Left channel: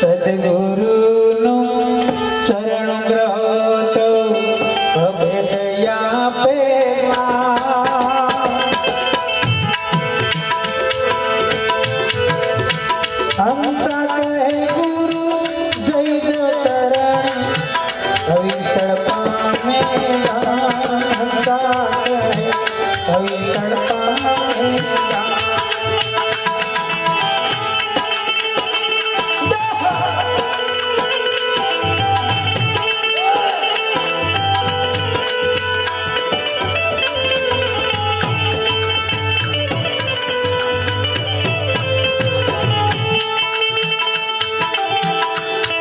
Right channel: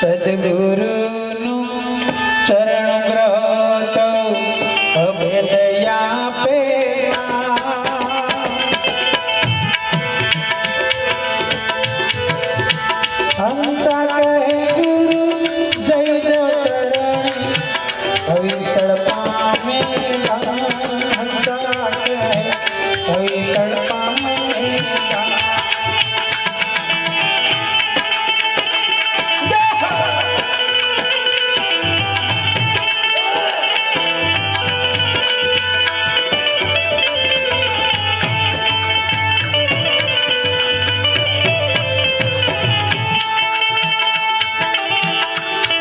સદગુરુ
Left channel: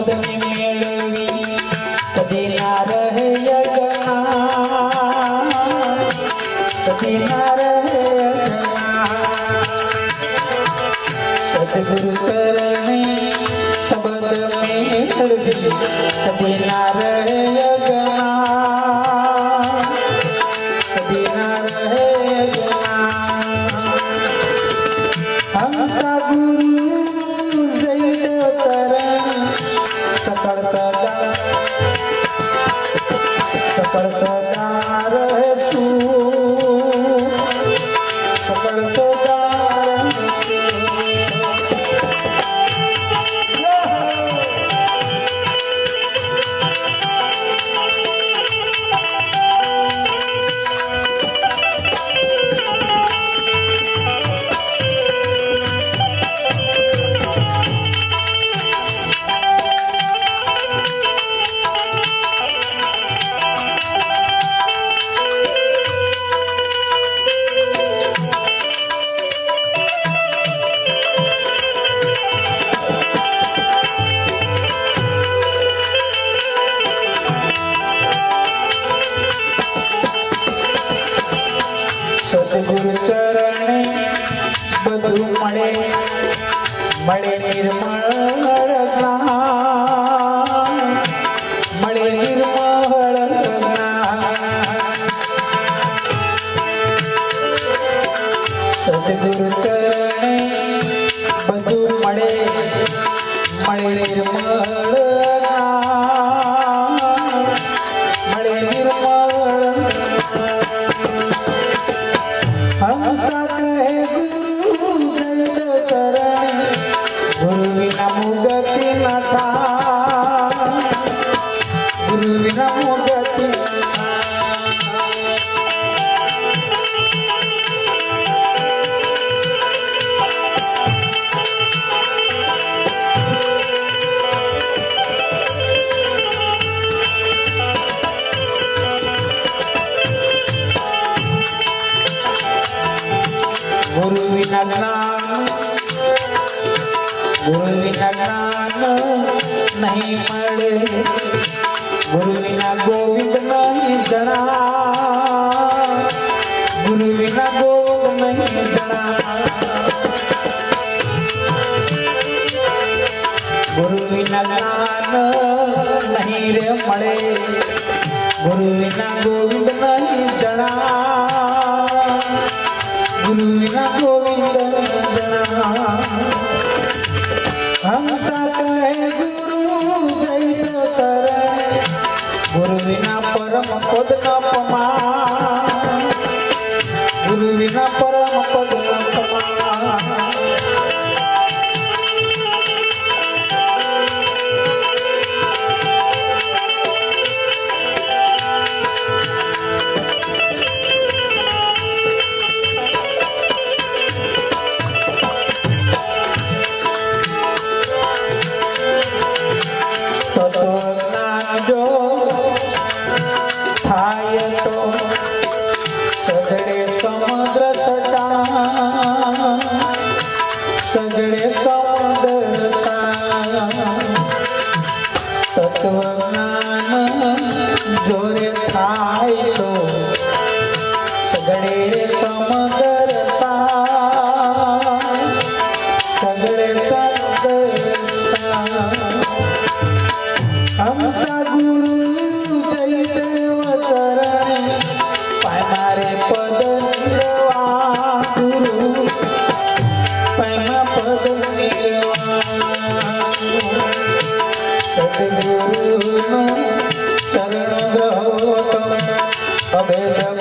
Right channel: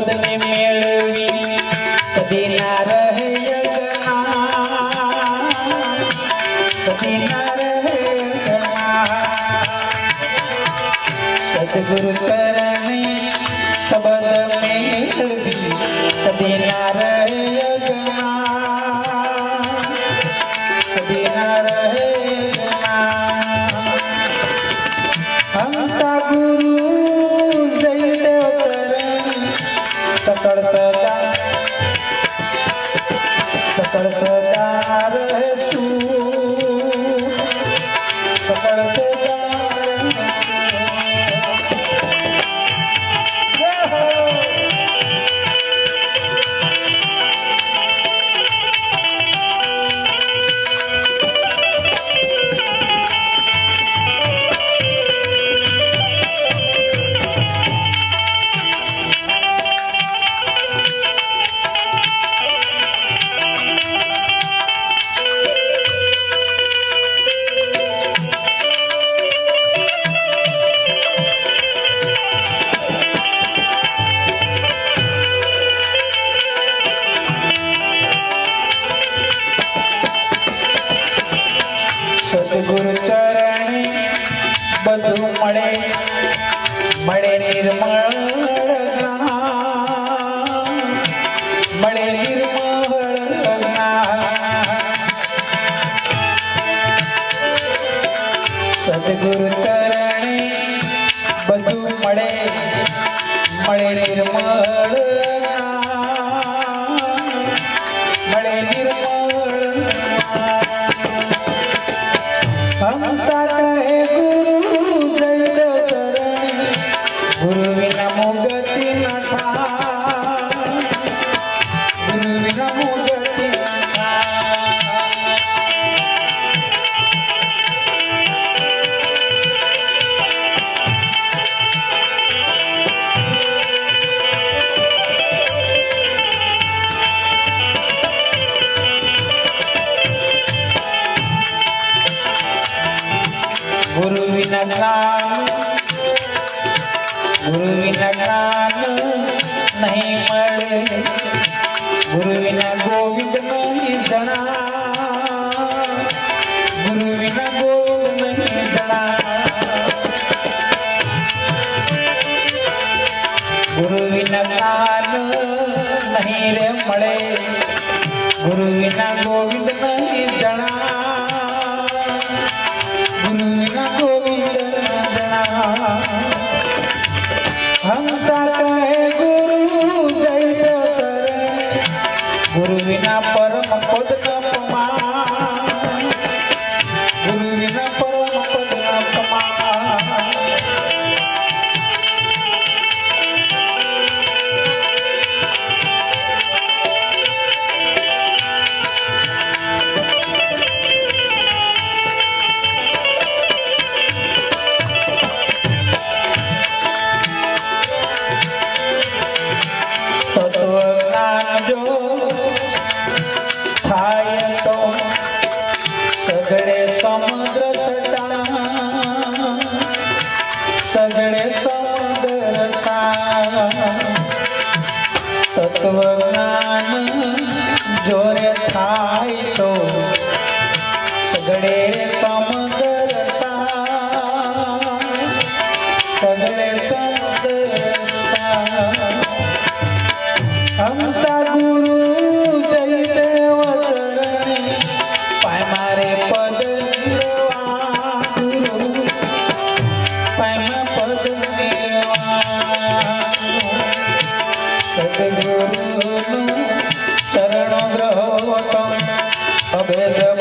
શબ્દને મેળવી કદી ના રહે. કદી ના રહે. સદગુરુ ચરણે સબદ મેળવી કદી ના રહે અજ્ઞાન. સકળ સદા સકળ સદા સદગુરુ ચરણે બધું મળે મળે નિર્મળ મળે નિર્મળ સદગુરુ ચરણે બધું મળે મળે નિર્મળ હંસા કહે ગુરુ વિના જ્ઞાન ગુરુ વિના જ્ઞાન નહીં મળે ગુરુ વિના ગોવિંદ નહીં જણા ગુરુ વિના ગોવિંદ નહીં જણા ગુરુ વિના જ્ઞાન નહીં રે મળે ગુરુ ગોવિંદ નહીં જણા ગુરુ વિના પરમ પદ કપમાં તત્વ જ્ઞાન જોરે થાય તો સગડે સમગરતા સગડે સદ હંસ pena